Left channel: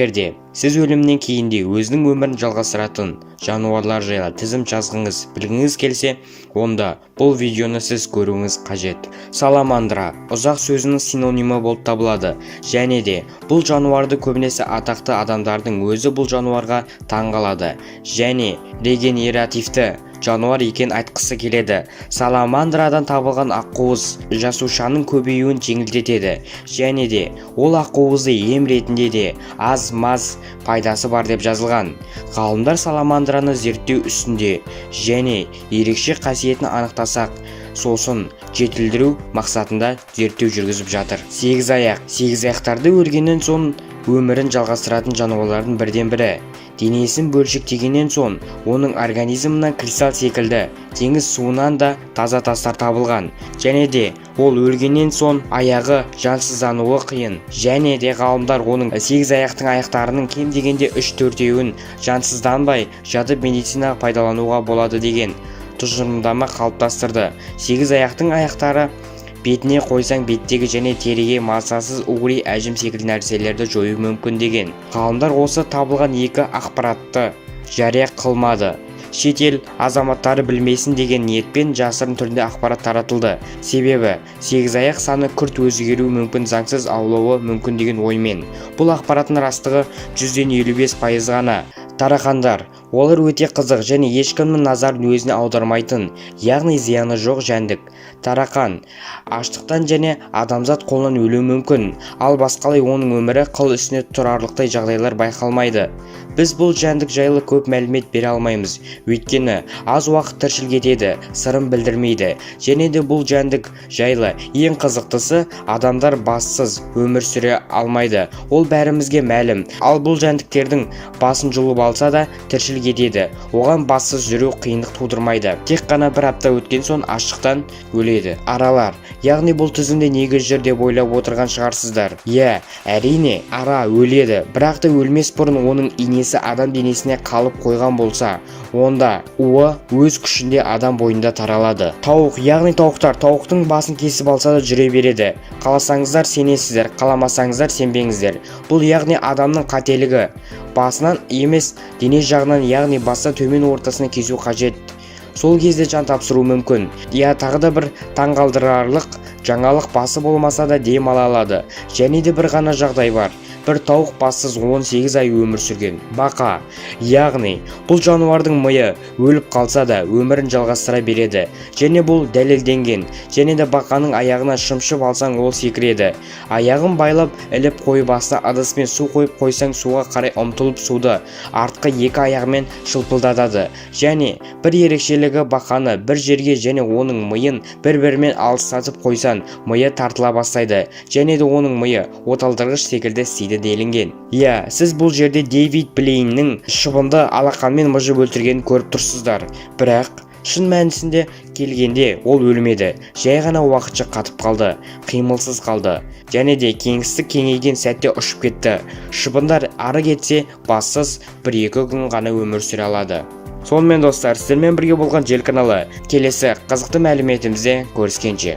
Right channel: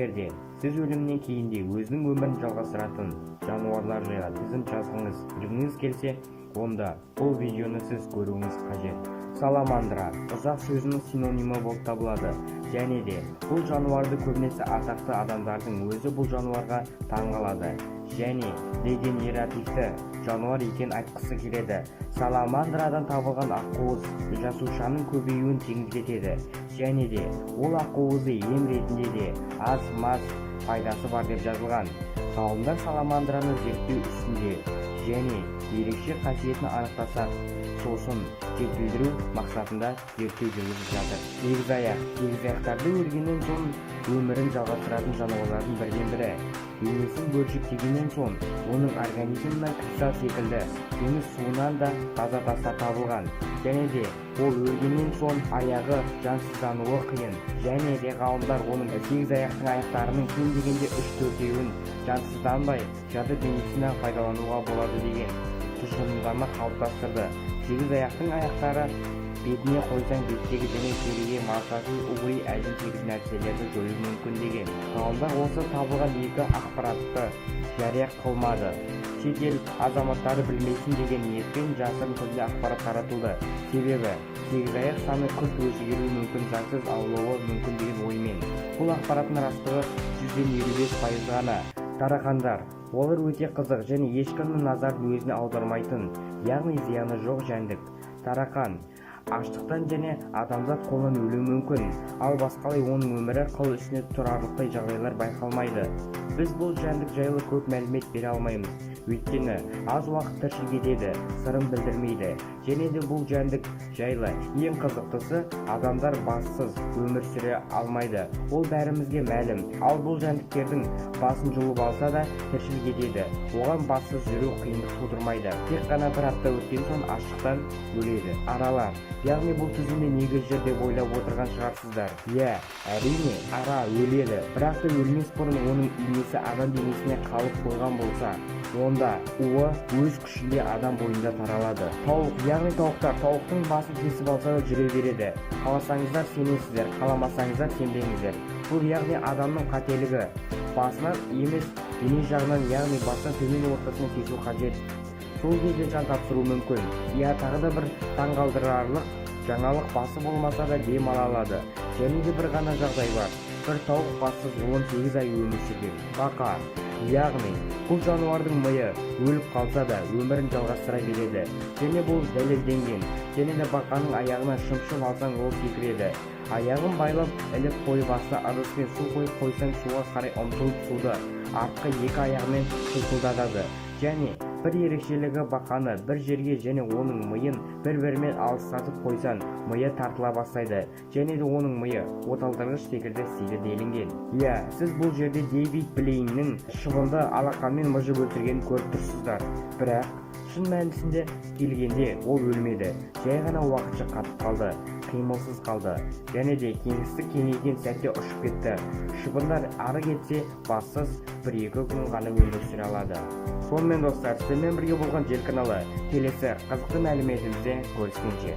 Егерде сіз өлімнен кейін де өзінің өмірін жалғастыратын жануарлар жайлы тізім жазғыңыз білгіңіз келсе, онда бұл видеоны сіз көруіңіз қажет. Саламандра ұзақ сөзінің синонимі болып табылады, және де бұл жануарды көбінесе атақты адамдардың өзі бұл жануарға таңғалады және регенеративті жануар екен айтқысы келеді. Саламандрадан табылған ақуыз жасушаның көбеюін жеңілдетеді және де ол ақуызды ем ретінде де аз-маз пайдасы бар деп жазылған. Ғалымдар саламандраны зерттеу үстінде және ерекше қасиетін анықтасақ, сосын жетілдіру мақсатында зерттеу жүргізіп жатыр. Сегізаяқтарды өлгеннен соң өмірін жалғастыратын жануарлардың бірден бірі. Денесін бөлшектегеннен соң оның организмінен кристалл секілді теңіз суынан да таза тастар табылған, және де ол өлгеннен соң аяғы жансыздануы қиын, және де ғалымдар оның сегізаяқтың аяқтарының кем дегенде 3-4-еуін жансызданбай жатып медицина пайдалануға болады деген тұжырымдама қалыптастырды. Сегізаяқтың аяқтары бетіне қойсаң беттегі және теріге мазасыз угри әжім секілді нәрселерді жою мүмкін деген. Ғалымдар осы табылған екі ақпаратты жария қылмады. Шетел азаматтары білмесін деген ниетпен жасырын түрде ақпарат таратылды. Себебі сегізаяқ саны күрт өзгеруі мүмкін, заңсыз аулауы мүмкін деген оймен. Бұл ақпараттың растығы 100-55% ғана. Тарақандар, олар өте қызық және ешкімнің назарын өзіне аудармайтын, яғни зияны жоқ жәндік. Тарақан аштықтан және адамзат қолынан өлуі мүмкін, ал басқалай оның өмірі қыл үстіне тұрарлықтай жағдайлар байқалмайды. Біз бұл жәндік жайлы көп мәлімет бере алмаймыз, өйткені аз уақыт тіршілік етеді, сырын білдірмейді, және де бұл жәндік жайлы ең қызықтысы, адамдар бассыз өмір сүре алмайды. Ол бәрімізге мәлім. Ал бұл жәндіктердің басын жұлып алса да тіршілік етеді. Оған бассыз жүру қиындық тудырмайды. Тек қана бір апта өткен соң аштықтан өледі. Аралар, яғни бұл тізімде негіз жүр деп ойлап отырған шығарсыздар. Иә, әрине, ара өледі, бірақ та өлмес бұрын оның инесі адам денесіне қалып қойған болса, онда уы өз күшінде адам бойында таралады. Тауық, яғни тауықтар, тауықтың басын кесіп алса да жүре береді. Қаласаңыздар сенесіздер, қаламасаңыздар сенбеңіздер. Бұл яғни адамның қателігі. Басынан емес, дене жағынан, яғни бастан төмен ортасына кесу қажет. Сол кезде жан тапсыру мүмкін. Тағы да бір таңғалдырарлық жаңалық, басы болмаса да дем ала алады. Және де бір ғана жағдай бар. Бір тауық бассыз 18 ай өмір сүрген. Бақа, яғни бұл жануардың миы өліп қалса да өмірін жалғастыра береді. Және бұл дәлелденген. Және де бақаның аяғына шымшып алсаң ол секіреді. Аяғын байлап іліп қойып астына ыдыспен су қойып қойсаң суға қарай ұмтылып суды артқы екі аяғымен шылпылдатады. Және бір ерекшелігі, бақаны бір жерге және оның миын бір-бірімен алыстатып қойсан, миы тартыла бастайды. Және де оның миы оталдырғыш секілді істейді делінген. Иә, сіз бұл жерде Дэвид Блейннің шыбынды алақанмен мыжып өлтіргенін көріп тұрсыздар. Бірақ шын мәнісінде келгенде ол өлмеді, жай ғана уақытша қатып қалды, қимылсыз қалды, және де кеңістік кеңейген сәтте ұшып кетті. Шыбындар ары кетсе бассыз 1-2 күн ғана өмір сүре алады. Сонымен достар, сіздермен бірге болған Жел каналы келесі қызықты мәліметімізде көріскенше.